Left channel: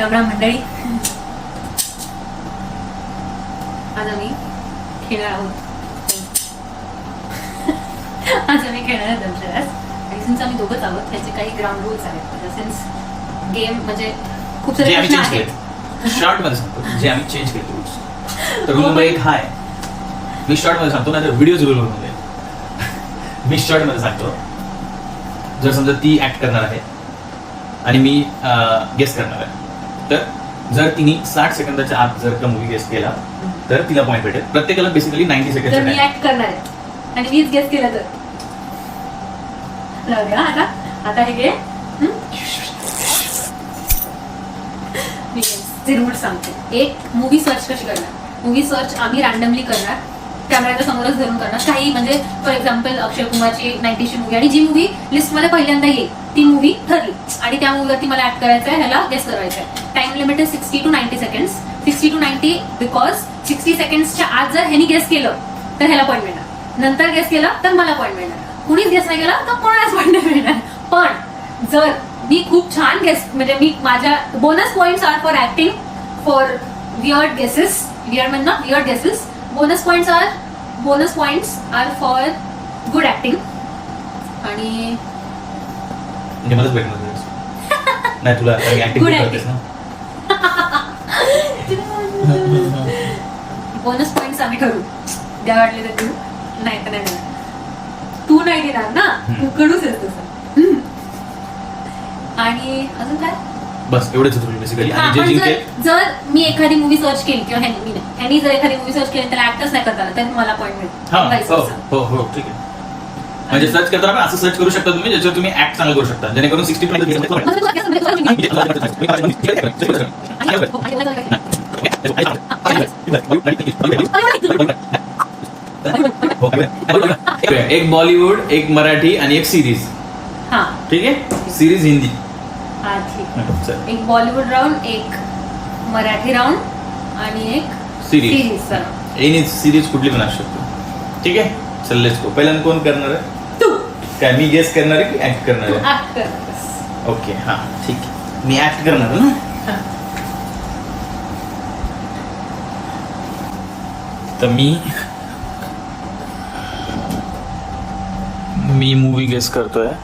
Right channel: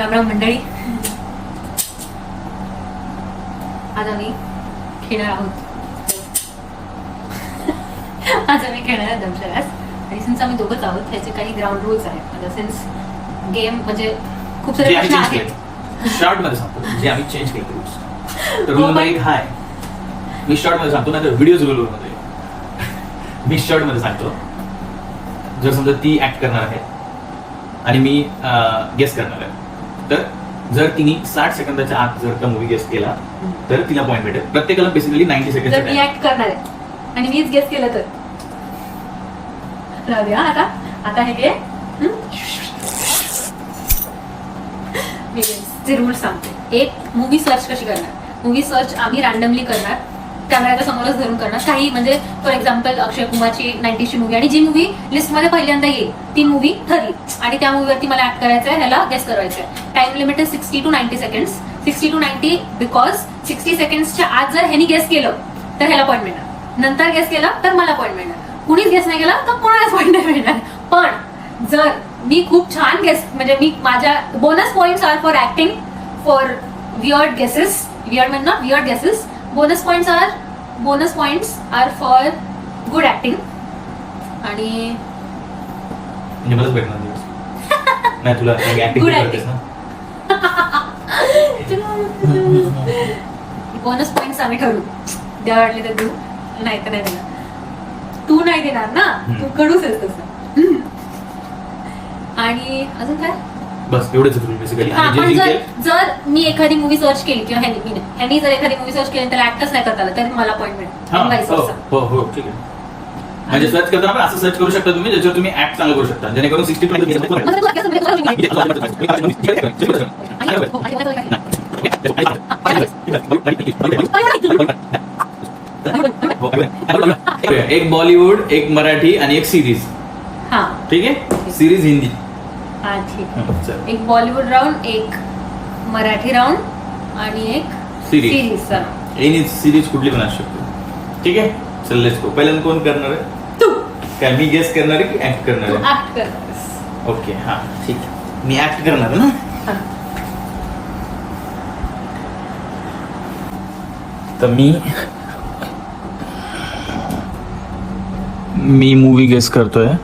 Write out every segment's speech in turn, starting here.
रामराम मंडळी, आज आम्ही खेळणार आहोत. आज आम्ही खेळणार आहोत दंशराज. आणि सिन्स आम्ही दोघंच आहोत, त्याचे काही ग्राउंड रूल्स आहेत. सिन्स गेम म्हणजे खूप सारे प्रश्न आहेत. शॉर्ट मध्ये सांगतो जे आम्ही चेंज केले रूल्स. तर रूल नंबर 1 हा आहे. मी शॉर्ट मध्ये सांगतो, नाही व्हिडिओ रूल मध्ये मी शॉर्ट मध्ये सांगतो. जर समजा ती ऍक्ट करणार आहे आणि मी गेस करणार आहे, तर जर तिने 60 सेकंदाच्या आत जर का मूवी गेस केला तर तिला पॉईंट भेटेल. प्रत्येकाला बेसिकली 90 सेकंड. जर मी ऍक्ट करणार आहे आणि मीच गेस केला तर राहूया. आता हे घे. मी रूल सांगते. एक, मूवी सर्च कशी करणार. मूवी सर्च आम्ही रॅन्डमली करणार, कॅमेऱ्याच्या समोरच धरून करणार. काही म्हणजे फॉर एक्झाम्पल अक्षय कुमारची 90ची मूवी आणि जी मूवी लिस्टमध्ये पहिल्यांदा येईल ती मूवी ठरली आणि त्या मूवीवरती मला ऍक्ट करायचं आहे, ह्याला गेस करायचं आहे. टाइम लिमिट आहे 60 to 90 सेकंड्स. 60 to 90 बिकॉज 60 सेकंड्सच्या आत जर ह्यानी गेस केलं तर ह्याला पॉईंट मिळणार, नंतर गेस केलं तर मला पॉईंट मिळणार, कुणीच गेस नाही केला तर कोणालाच पॉईंट नाही मिळणार. पण जर मी खूप छान गेस, म्हणजे मी माझ्या bonus points are for acting, for weird guesses, weird म्हणजे not weird guesses. Bonus points are for good acting. आणि मलाच भेटणार नाही तुला ऍक्टिंग करतेस ना. बोनस पॉइंट्स आम्ही ठरवू, द्या वाटले तर देऊ, नाही तर नाही देणार. तू नाही देणार ना, तू कडूच आहेस तसं. आणि अजून काय, बस एवढंच बेसिकली. जर मी एखादी मूवी सर्च केली किंवा ह्यांनी जर एखादी मूवी सर्च केली त्याला ऍक्टच नाही करता आला तर मला पॉईंट मिळेल. हो ठीक आहे. म्हणजे सर्च करताना पण असं सर्च करू शकता तुम्ही, ज्याच्यावर तुम्ही ऍक्ट चांगलं करू शकता, जेणेकरून 60 एक बॉलिवूड, एक मराठी आणि एक सिरीज. हा ठीक आहे. सिरीज हिंदी. हा ठीक आहे. एक बॉलिवूड राऊंड, एक मराठी राऊंड आणि एक सिरीज. एनी सिरीज कुठली पण असू शकतो. ठीक आहे. चल लेट्स गो. पहिल्यांदा कोण करणार आहे? तू. काय मी गेस करणार आहे की ऍक्ट करणार आहे? ऍक्ट करतेस. ओके हा ठीक आहे. मी ऍक्ट करणार ना. तर मी मूवी गेस करतोय.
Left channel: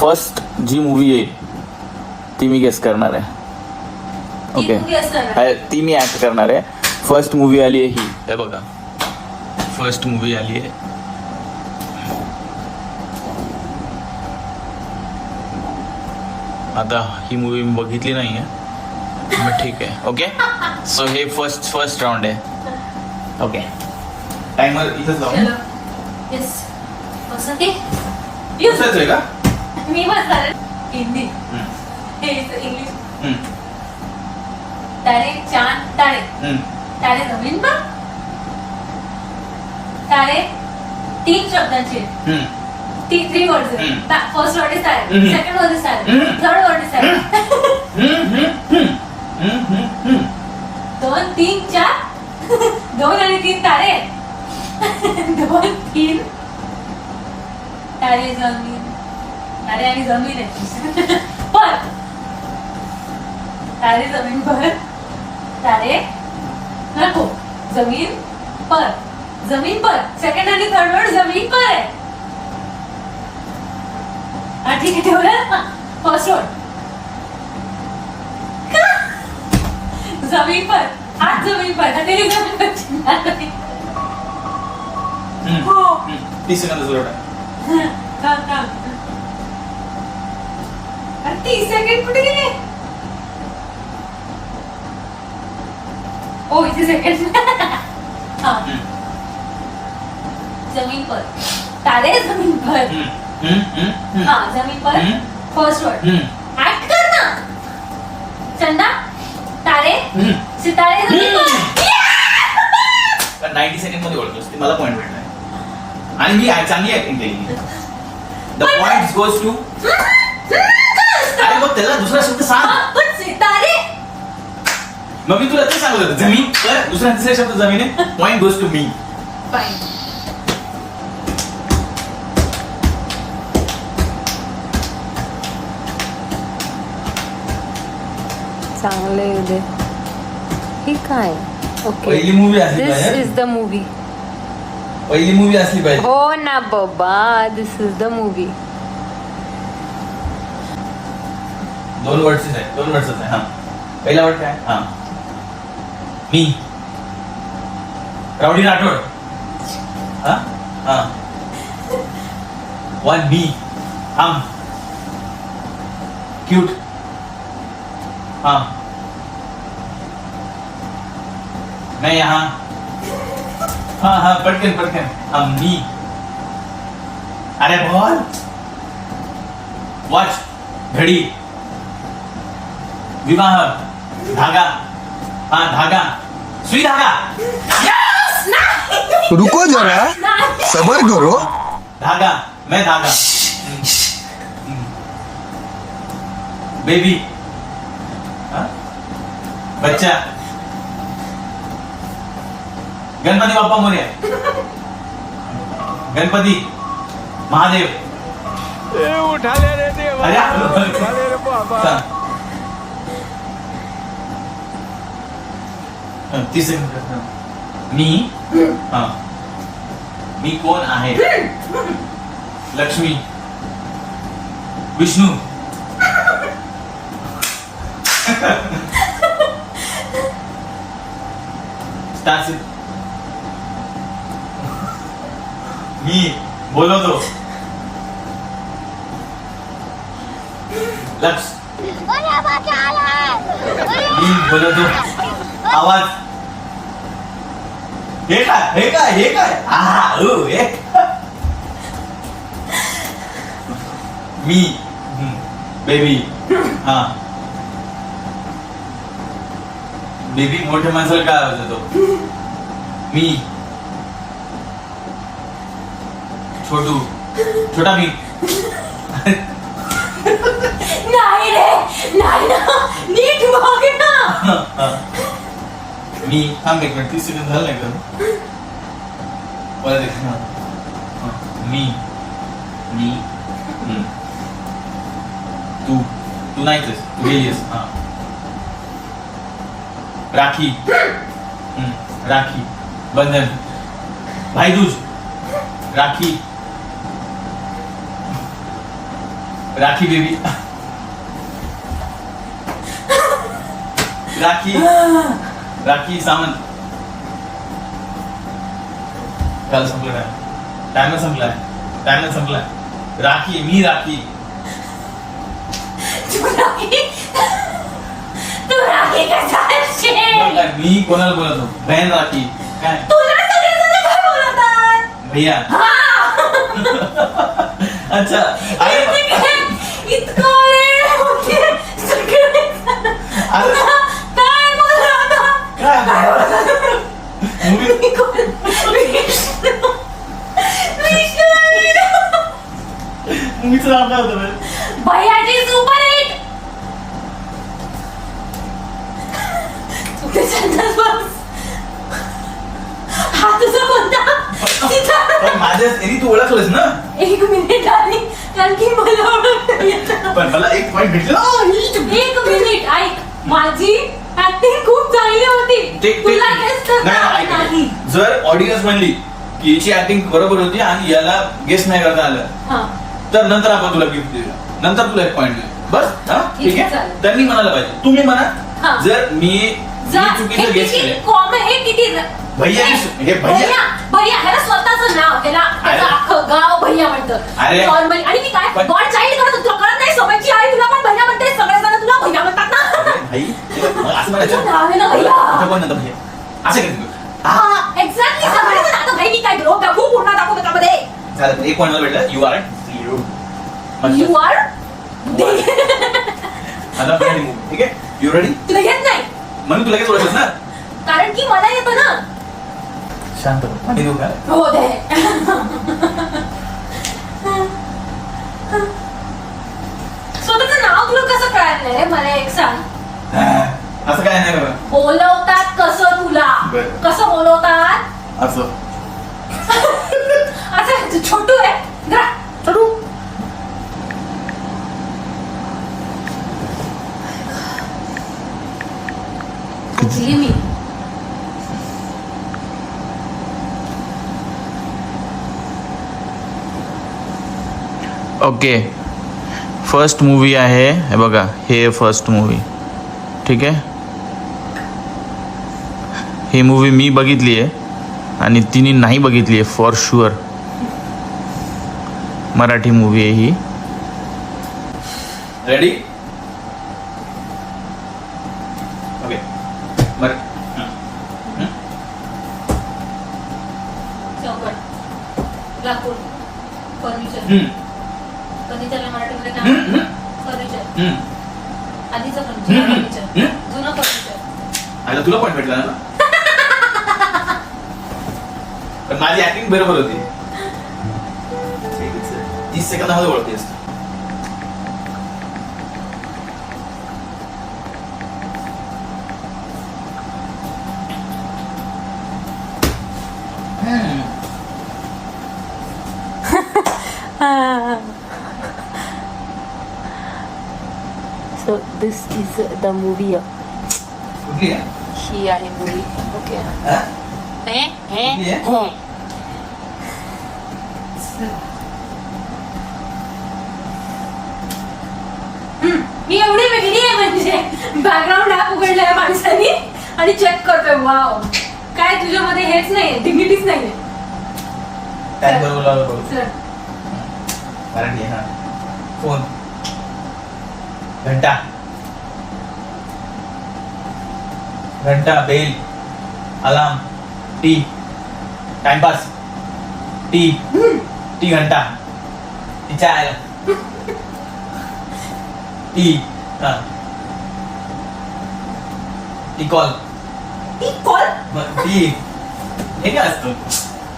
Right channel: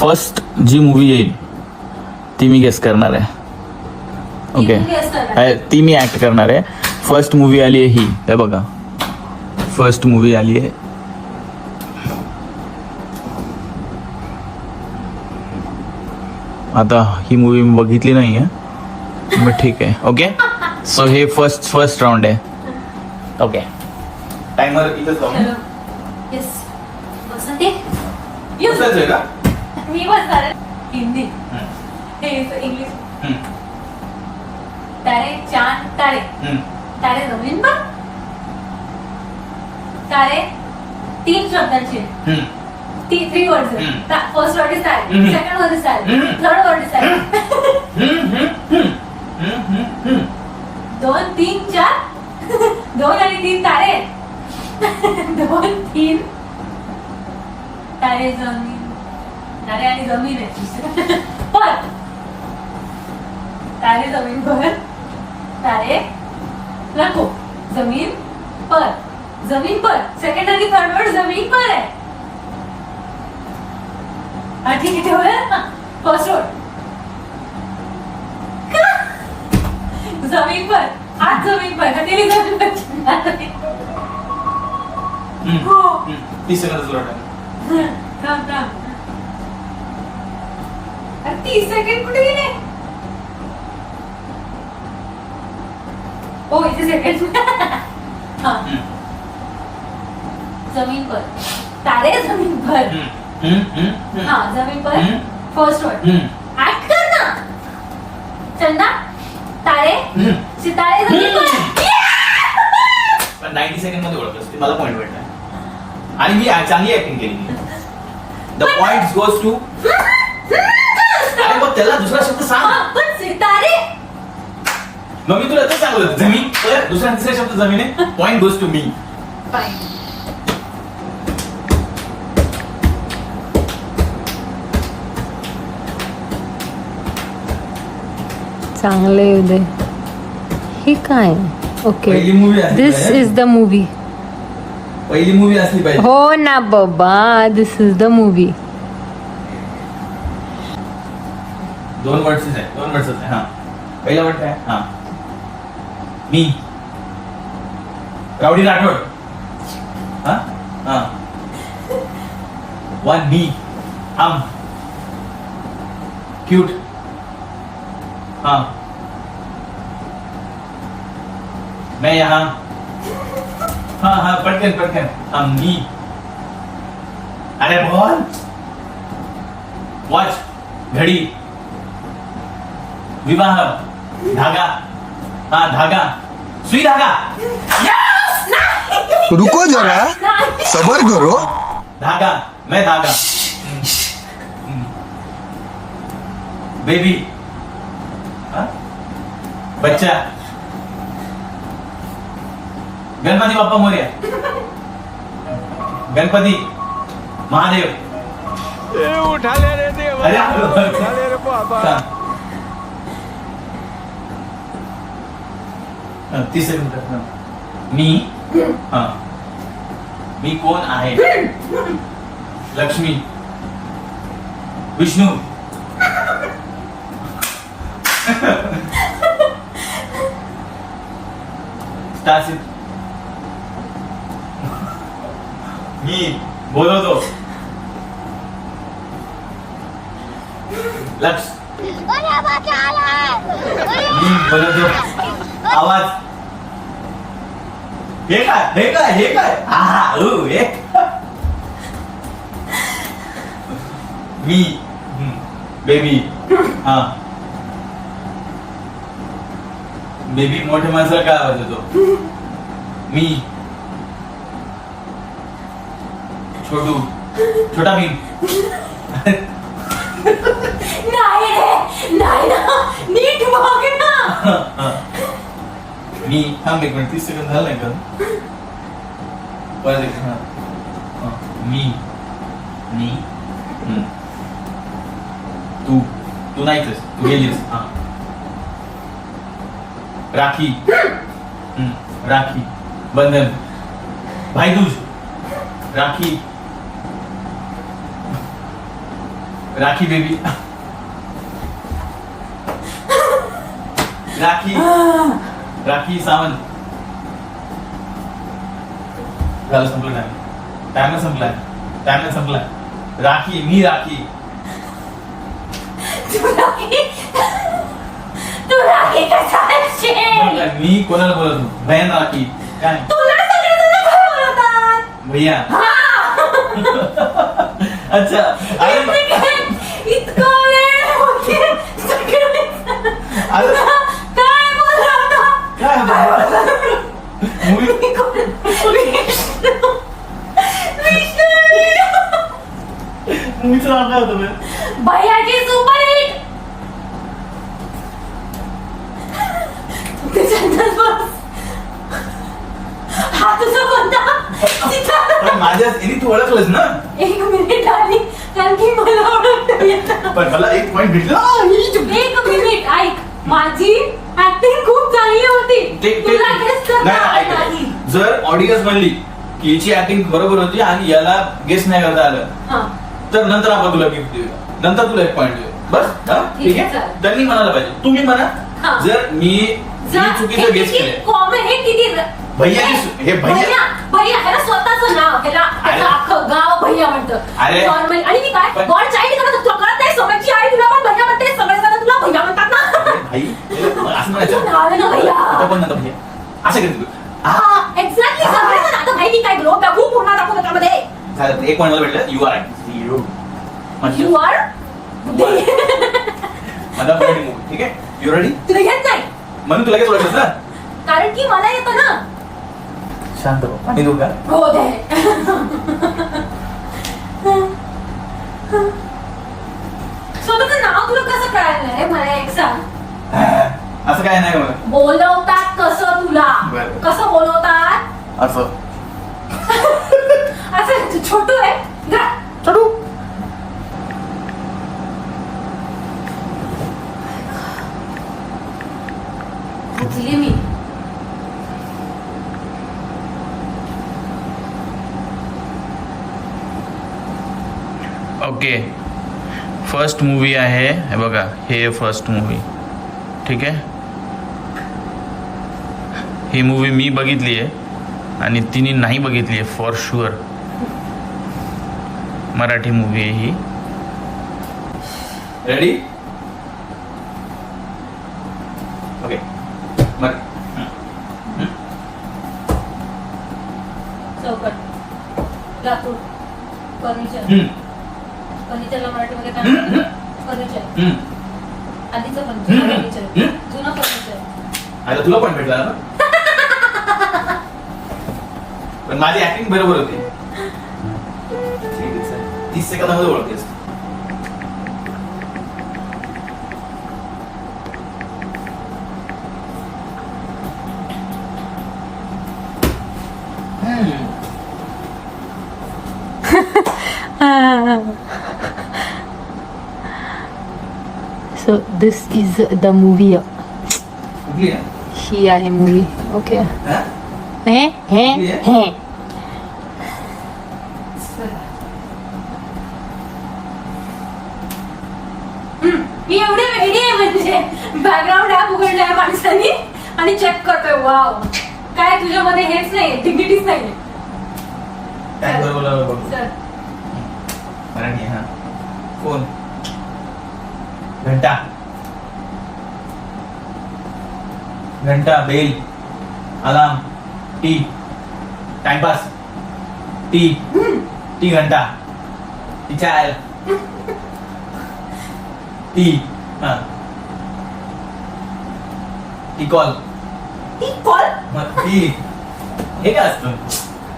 फर्स्ट जी मूवी येईल ती मी गेस करणार आहे. ओके. ती मी ऍक्ट करणार आहे. फर्स्ट मूवी आली आहे ही, हे बघा. फर्स्ट मूवी आली आहे. आता ही मूवी मी बघितली नाहीये, मग ठीक आहे. ओके. सो हे फर्स्ट राऊंड आहे. ओके. टाइमर इथंच लावू. येस. बसते. बसायचं आहे का? मी बसणार. हिंदी. इंग्लिश. तारे चांद तारे. तारे जमीन पर. तारे 3 शब्दांचे. 3 वर्ड्स. फर्स्ट वर्ड इज तारे, सेकंड वर्ड इज तारे, थर्ड वर्ड इज तारे. 2, 3, 4. 2 आणि 3 तारे. 2, 3 तारे जमीन. तारे आणि जमीन आहे. पर तारे जमीन पर. तारे नको. जमीन पर. जमीन पर. सेकंड आणि थर्ड वर्ड जमीन पर आहे. ठीक आहे, ठेवलं ना. फर्स्ट वर्ड जमीन पर. आज जमीन पर. तेरी जमीन पर. हो. 30 सेकंदाचा वर्ड. थांब. अरे 30 सेकंड कुठे गेले? ओ इथे सेकंड. हाँ. जमीन पर. तारे जमीन पर. हाँ जमीन पर. First word. ऍक्ट कर ना. चंदा. तारे. सितारे जमीन पर. 90 सेकंड मध्ये ओळखलंस, मला पॉईंट भेटलाय आणि मी चांगली ऍक्टिंग केली. The point goes to. अरे मग त्याला दुसरा शब्द सांग. सितारे. मग मी तुला ते सांगलं जमीन पर. दुसरा तिसरा शब्द जमीन आहे. Point goes to me. Fine. चांगलं येऊ दे. हे काय ओके पहिली मूवी असली दिस पाहिजे. Is the movie. पहिली मूवी असली पाहिजे. हो ना बाबा दिस इज द मूवी. 2 वर्ड्स आहे. 2 वर्ड्स आहे. हा पहिला वर्ड काय? हा मी रावडी राठोड. हा हा 1 मी हम क्यूट. हाँ मैं यहाँ. हाँ हाँ पटकन हम नी. अरे बोल. वॉच घड़ी. विवाह धागा. हाँ धागा सुई धागा. रुको जरा सबर करो. धागा मैं धागा. बेबी. हाँ? बच्चा. गणपति बाप्पा मोरया. गणपति महादेव. उठा ले रे देवा, अरे उठा ले रे बाबा. हाँ, 30 सेकंड. मी हाँ मी कोण आहे? लक्ष्मी. विष्णू. स्टारसिट. मी बोलवतो. लक्ष. मी बोलवतो. आवाज. हे काय हा एक. Me baby. हा बेबी मोठ्या माणसाला काय आवाज येतो? मी छोटू. छोटा मी. नाही रे नाही ना नीट बघ ना. मी थांब 1 मिनिट. 30 सेकंड झालं नाही का? परत एक. हा. हा. मी तू नाहीच. तू गेलीस. हा राखी. राखी. बंधन. भाईदूज. राखी. राखी बेबी. राखी सावंत. झालं संपलं नाही. टायमर संपलाय. राखी. मी राखी. तू राखी कसा असशील? मी कोणाला बोलतो? बहन राखी. काय तुला सगळेजण काय बोलतात? भैया. अच्छा अरे इतका वेळ होते सगळे अरे काय बोलतात? काय मूवी मूवीचं नाव काय होतं बे? भैयाची सुपर हिट. हा तुझा कोणता? माझ्या यांनी तू ओळखलंस ना. 1 मिनिट आली कारण की मला ओळखता येत नाही. पण मला 1 पॉइंट भेटला. 1 मिनिट ऐक. माझी ऍक्टिंग खूप चांगली होती. तुला गेस नाही. जर ऑडियन्स म्हणली की हिची ऍक्टिंग बरोबर होती आणि याला गेस नाही करता आलं तर नंतर आपण तुला गिफ्ट देऊ. नंतर तुला 1 पॉइंट देऊ. बस. हा ठीक आहे. त्यांनी म्हणायला पाहिजे. तुम्ही म्हणा. जर मी चुकीचं गेस केलं. हे किती भैया हे भैया भैया ह्याला स्वतःच नाव ह्याला त्याचं अख्खं गाव भैया म्हणतं. अरे. नॉर्मल. आणि मी काय गॉड चाइल्ड करत तुला कळत नाही? समजची आई तुला पण भैया म्हणते. सगळेजण तुला भैया म्हणतात ना. भाई असं म्हणायचं. नाव आहे ना भैया. आता पण नंतर भैया असं केलं. एक्झॅक्टली सगळेजण. आता भाई मी काय करू? बघू पूर्ण दाखव त्याच्यामध्ये. झालं 1 पॉइंट मला भेटलं. यू आर यू आर आता पण ठीक आहे. You ready? तुला येत नाही म्हणून तुला काय ओळखलं ना. कारण की मला येतं ना. शांत हो. पाणी देऊ का? हो दे. स्वतःचं नाव तुला कसं कळलं नाही रे? मला एक सांग. असं काय नाही बघ. बोलवतात कसं तुला? बरं. कसं बोलवतात? असं असं छोटू आहे. जा, छोटू. ओके, फर्स्ट मूवी आहे हे बघा, हे फर्स्ट मूवी. ठीक आहे, ही मूवी मी बघितली आहे आणि तिने नाही बघितली आहे फॉर शुअर. मराठी मूवी आहे ही. रेडी? ओके. चौकट, लाकूड, फर्निचर. फर्निचरला मराठीमध्ये काय म्हणतात? फर्निचर. आधीचं फर्निचर, जुनं फर्निचर. आता तुला पण भेटला ना. पण माझी ऍक्टिंग बरोबर होती. 30 सेकंदामध्ये ओळखतेस. So this is the movie. कुठली आहे? ही आहे मूवी. ओके. हा? हे हे कुठली आहे? हे. ही एवढी वेगळी आहे म्हणजे बॅकग्राऊंड ऍप उघडलाय माणसानी आणि चेक करतोय. वाव, काय तुझ्यामध्ये हेच नाही, डिग्निटीच नाहीये. काय बरोबर लावलं बघ. सर मराठी. हा. फोन, घंटा, घंटा, bell, alarm, tea, timepass, tea घंटा, टी चाय, टी, हा, टी कॉल, ती कॉल. टी. हे काय असतं?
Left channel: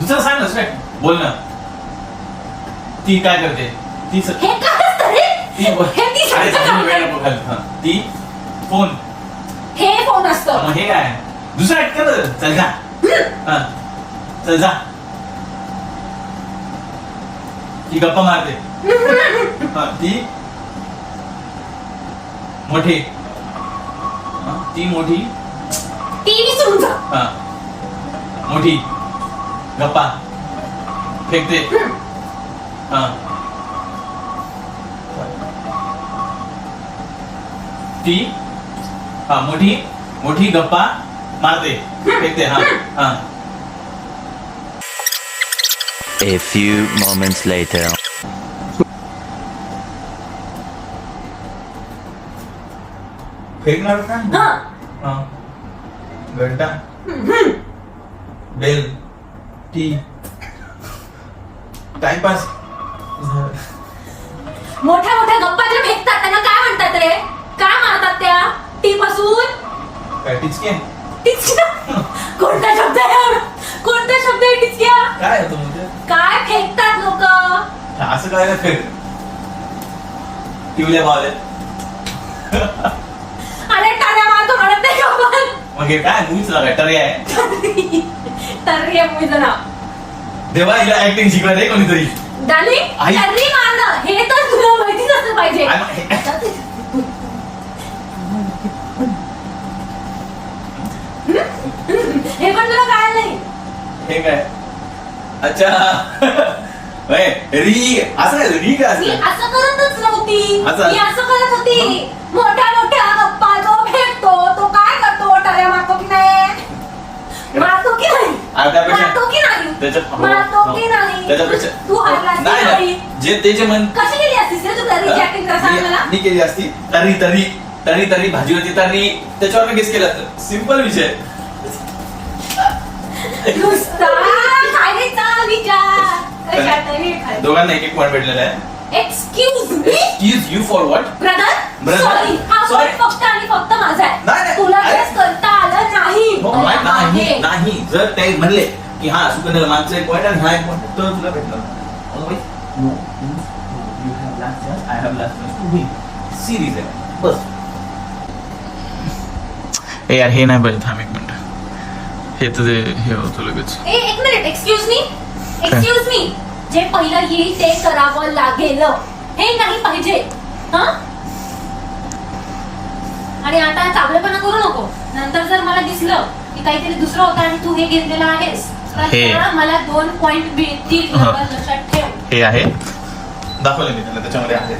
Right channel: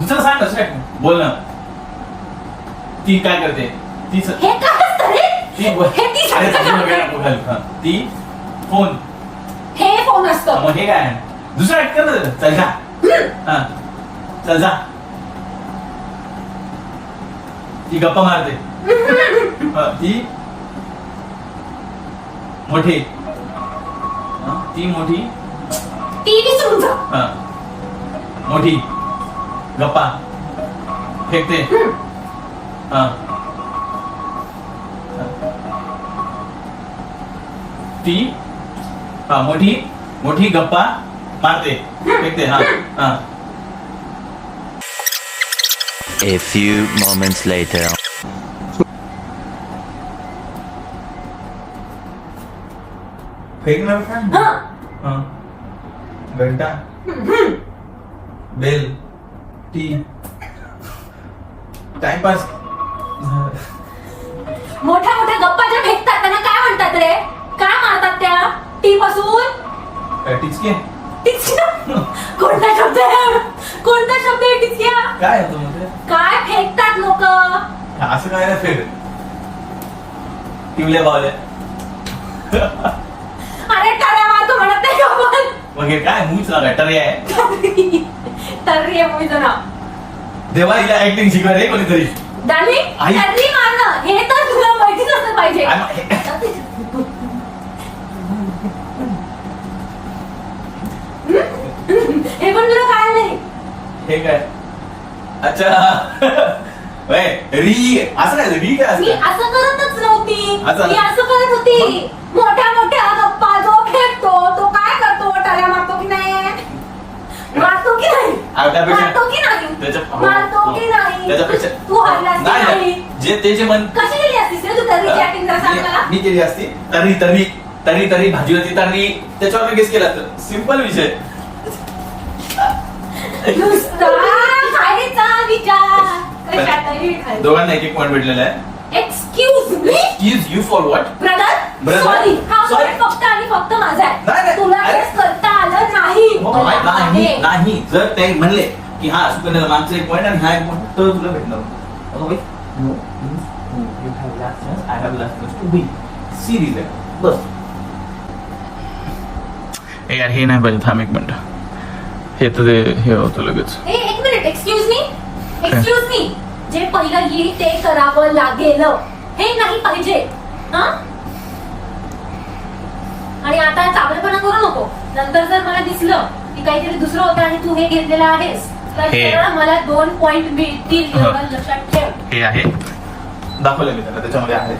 दुसरं सांग ना, बोल ना. ती काय करते? ती हे काय असतं रे? ती हे ती अरे, शब्द समजून वेळ सांगते. नको घालू. हा. ती फोन. हे फोन असतं. मग हे काय? दुसरं ऍड कर ना जरा. चल जा. हा. चल जा. ती गप्पा मारते. हा, ती मोठी. हा, ती मोठी. टीव्ही सुरू जा. हा. मोठी गप्पा फेकते. हा. ती, हा, मोठी गप्पा मारते, फेकते. हा. हा. A few moments later. फेकणार का? हा. हा. घंटा, बेल, टी, टाइमपास. मोठ्या मोठ्या गप्पा ज्या फेकतात त्यांना काय म्हणतात रे? काय मारतात त्या? टी पासून काय टिचके? टिचक्या. कोणता शब्द आहे? कोणता शब्द आहे टिचक्या? काय आहे तो म्हणजे? काय फेकतात लोक? असं काय नाही फेक. टिवल्या बावल्या. अरे टाळ्या मारतो म्हणत नाही का आपण? मग हे काय मूच ना काय टर्या आहे? तर्री मूवीचं नाव. देवा हिला ऍक्टिंग शिकवा रे कोणीतरी. डाली आई. तर्री मारणं हे तर तुला माहितीच असलं पाहिजे. हे पण तुला काय नाही. हे काय? अच्छा. होय, री असं नाही, री काय मी असतं? असं करतच नव्हती. असं? मी असं करत होती. मोठ्या मोठ्या गप्पा जो फेकतो तो काय करतो? टाळ्या मारतो की नाही? मारतो की नाही? अरे त्यापेक्षा- मारतो की नाही? त्याच्या- मारतो की नाही? त्याच्यापेक्षा तू हरलास की नाही, नाही? जे ते जे मन कशी गेली असतीस रे तू तर्रीची ऍक्टिंग जरा सांग मला. मी केली असती. तरी भाजी होती तरी त्याच्यावर मी गेस केला असतं. सिंपल विषय. नुसता खायचा विचार. कशा तरी खायचा. दोघांना एक पॉइंट भेटलेला आहे. Excuse me excuse you for what? Brother. Brother? Sorry, हा Sorry. point फक्त आणि फक्त माझा आहे. नाही, नाही. तुला अरे. हेच करता आलं नाही. नाही नाही. जर ते म्हणले की हा सुकन्या मागचा एक पॉइंट आणि हा एक पॉइंट तर तुला भेटणार. I have last chance. Series आहे बस. ए यार, हे नाही पाहिजे. थांब एक मिनिट. हे तर ते हे होतं लगेच. एक मिनिट. एक्सक्यूज मी जे पहिलं ही ते करावं लागेल हे नाही पाहिजे. हा, आणि आता चांगलेपणा करू नको. नंतर जर मला दिसलं की काहीतरी दुसरं होतं आणि तू हे घेतलेलं आहेस तर हे. तेवढं मला 2 पॉइंट मिळतील. हा. एवढं लक्षात ठेव. हे आहे. दाखवलं मी त्याला त्याच्यामध्ये आहे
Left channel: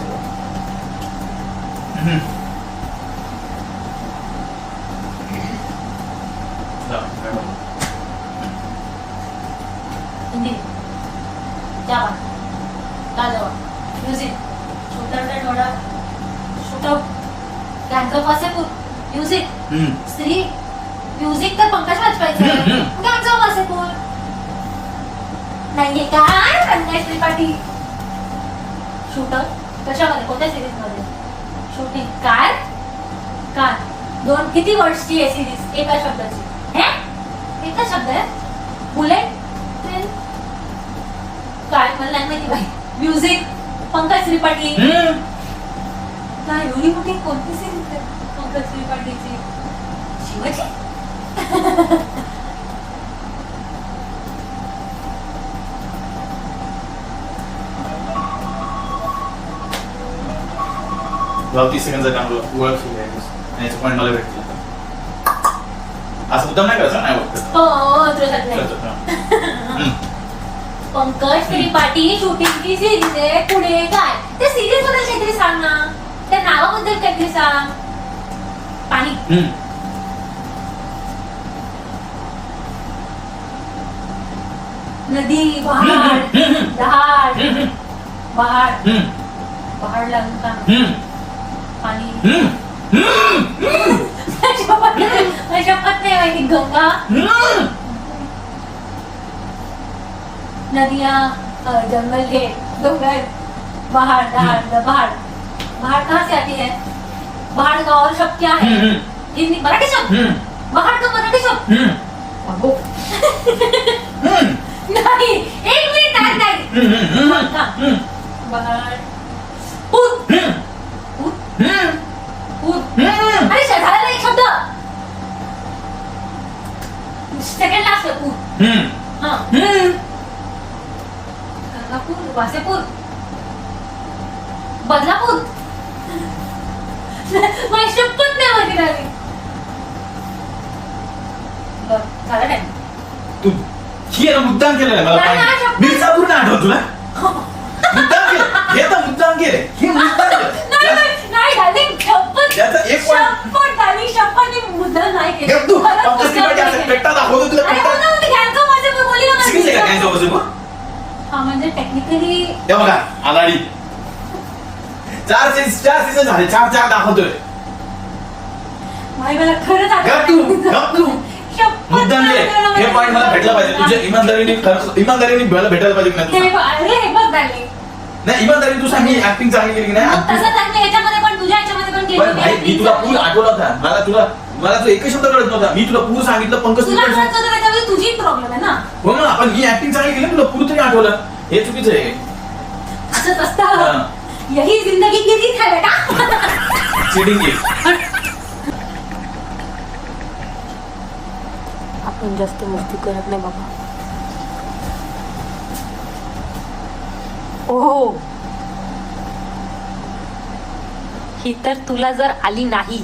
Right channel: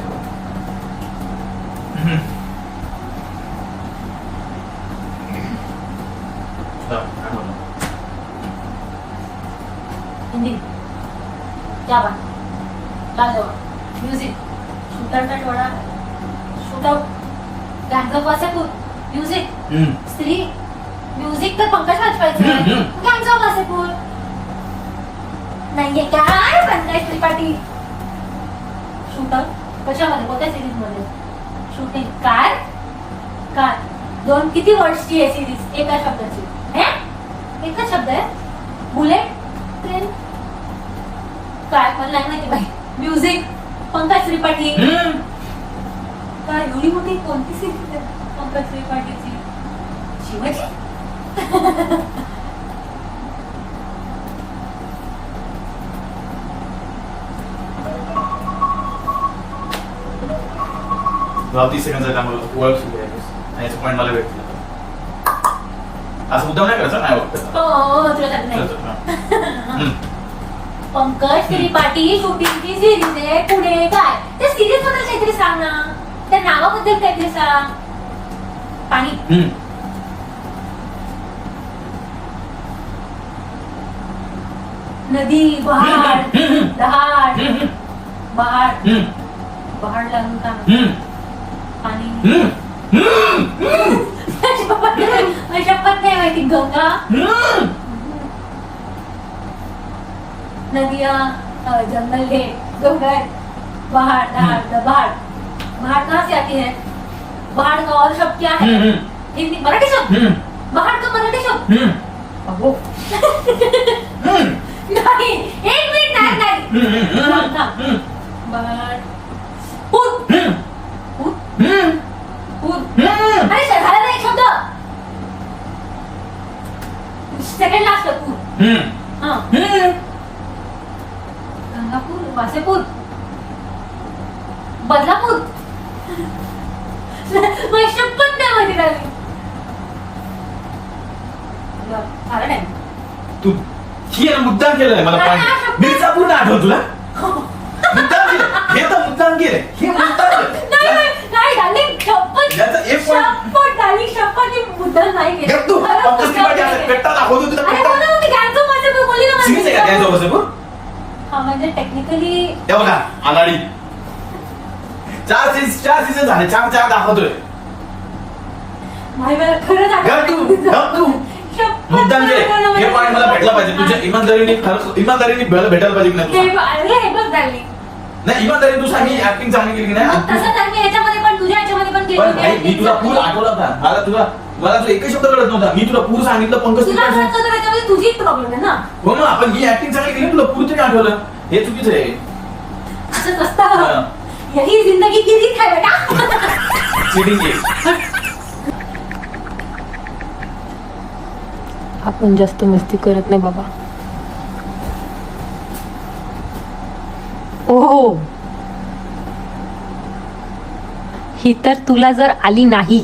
हिंदी क्या बात लाजवाब म्युझिक शूटआउट वडा शूटआउट गँग वासेपूर म्युझिक स्त्री म्युझिक तर पंकज वाजपायचं गँग वासेपूर नाहीये काय संदेश त्रिपाठी शूटआउट कशामध्ये कोणत्या सिरीज मध्ये शूटिंग कार कार दोन किती वर्ड्सची आहे सिरीज एका शब्दाची हे एकच शब्द आहे बुलेट ट्रेन काय मला नाही माहिती बाई म्युझिक पंकज त्रिपाठी काय एवढी मोठी कोणती सिरीज आहे पंकज त्रिपाठीची शिवाजी भाव 30 सेकंड त्यामुळे ओळख सुरू आहे याचं पॉईंट मला भेटलं असं मुद्दाम नाही करायचं नाही वाटतं हो तुला सांगत नाही पंकज त्रिपाठी शूटिंगची सिरीज आहे पुढे काय त्या सिरीज बद्दल काहीतरी सांग ना त्या नावाबद्दल काहीतरी सांग पाणी नदी पहाड दहाड पहाड पहाड लागून का पाणी शपथ नाही माहिती गंगा नदिया जंगल है डोंगर पहाड़ पहाड़ पहाड़ पहाड़ कहाँ से आती है पहाड़ का और शब्द क्या है हिंदी मराठी शब्द पहाड़ का मराठी शब्द अबो नहीं एक मिनट नहीं पहाड़ पूत पूत पूत अरे झाला ना एक शब्द सेकंड लास्ट पूत हाँ गंगापूर वासेपूर बदलापूर मला शपथ नाही माहिती झाली झाला टाइम तू ही आहे ना मुद्दाम केलेलं मला पॉईंट मिर्झापूर ना आठवत तुला मुद्दाम केलं हे तर मुद्दाम केले हे मुद्दाम नाही डार्लिंग शपथ याचं एक point. शपथ डार्लिंग शपथ मी मुद्दाम नाही केलं गप तू पंकज त्रिपाठी असं पेट्टा दाखवतो तुला अरे पेट्टा बोला ना, मी गँगचं वासेपूर बोलली ना सिरीज आहे का काय जाऊ हा म्हणजे टेक्निकली हे बघा आघाडी 4 सीझन झाले 4 दाखवतोय भाई मला खरं गप तू शपथ मुद्दाम नाही केले केलं हे मला. पॉईंट मला भेटला पाहिजे तुझ्या इमानदारीने खरं इमानदारीने भेटायला पाहिजे की नाही हे तुला? अरे हे बघ डार्लिंग नाही इमानदारी तू सांगी ऍक्टिंग चांगली केली की नाही मग तसं तर मी याच्यामध्ये पण तुझ्या याच्यामध्ये पण पण भाई मी तुला पूर आठवला होता मला तू एकच शब्द कळत नव्हता मी तुला पूर सांगितलं पंकज तुला त्रिपाठी वाटतं तर याच्यामध्ये तुझी प्रॉब्लेम आहे ना हो मग आपण ही ऍक्टिंग चांगली केली तुला पूर तरी आठवलं हे चुकीचं आहे असंच असतं हा. यही जिंदगी की रीत है बेटा चिटिंग केली आपण जास्त मस्ती करत नाही बाबा ओ ही तर तुला जर आली नाही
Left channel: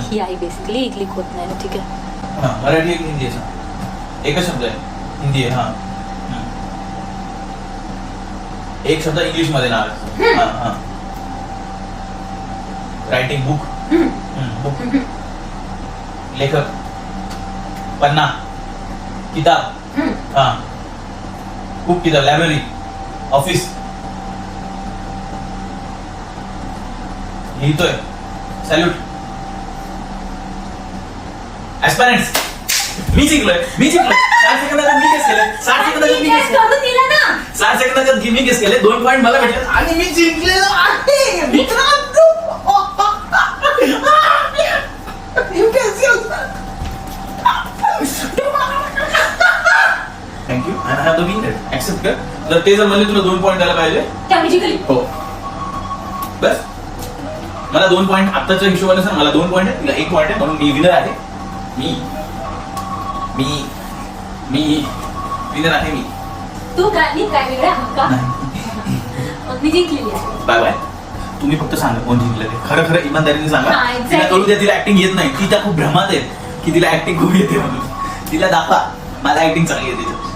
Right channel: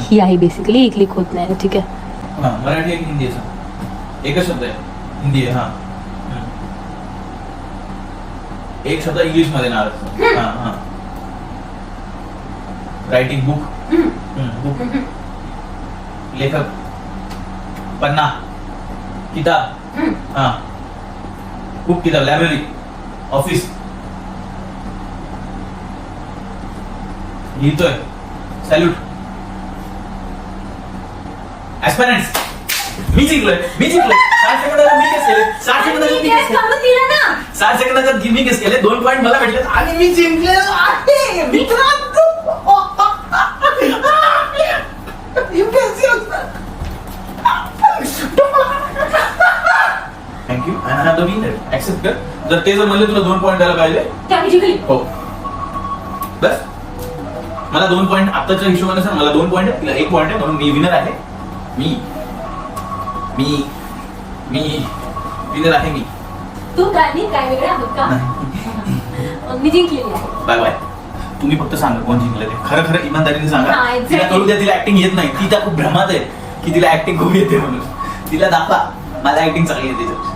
ही आहे बेसिकली ही क्लिक होत नाही ठीक आहे हा मराठी आणि हिंदी आहे सांग. एकच शब्द आहे हिंदी आहे हा एक शब्द इंग्लिश मध्ये नाव आहे हा हा रायटिंग बुक लेखक पन्ना किताब हा बुक किताब लायब्ररी ऑफिस लिहितोय सॅल्यूट ऍस्पिरंट्स मी जिंकलोय 60 सेकंदात मी केस केले 60 सेकंदात मी केस केले करू दिलं ना 60 सेकंदात मी केस केले 2 पॉईंट मला भेटले आणि मी जिंकलेलो आहे मित्रांनो thank you I have the winner accept कर जर ते जर म्हणले तुला 2 पॉईंट द्यायला पाहिजे त्यामुळे जिंकली हो बस मला 2 पॉईंट आताच्या हिशोबाने सर मला 2 पॉईंट आहे तुला 1 पॉईंट आहे म्हणून मी विनर आहे मी विनर आहे मी तू काय मी काय वेगळं आहोत का मग मी जिंकलेली आहे बाय बाय तुम्ही फक्त सांगा कोण जिंकलं ते खरं खरं इमानदारीने सांगा हा, exactly. तिला कळू द्या तिला ऍक्टिंग येत नाही ती त्या खूप भ्रमात आहे की तिला ऍक्टिंग खूप येते म्हणून तिला दाखवा मला ऍक्टिंग चांगली येते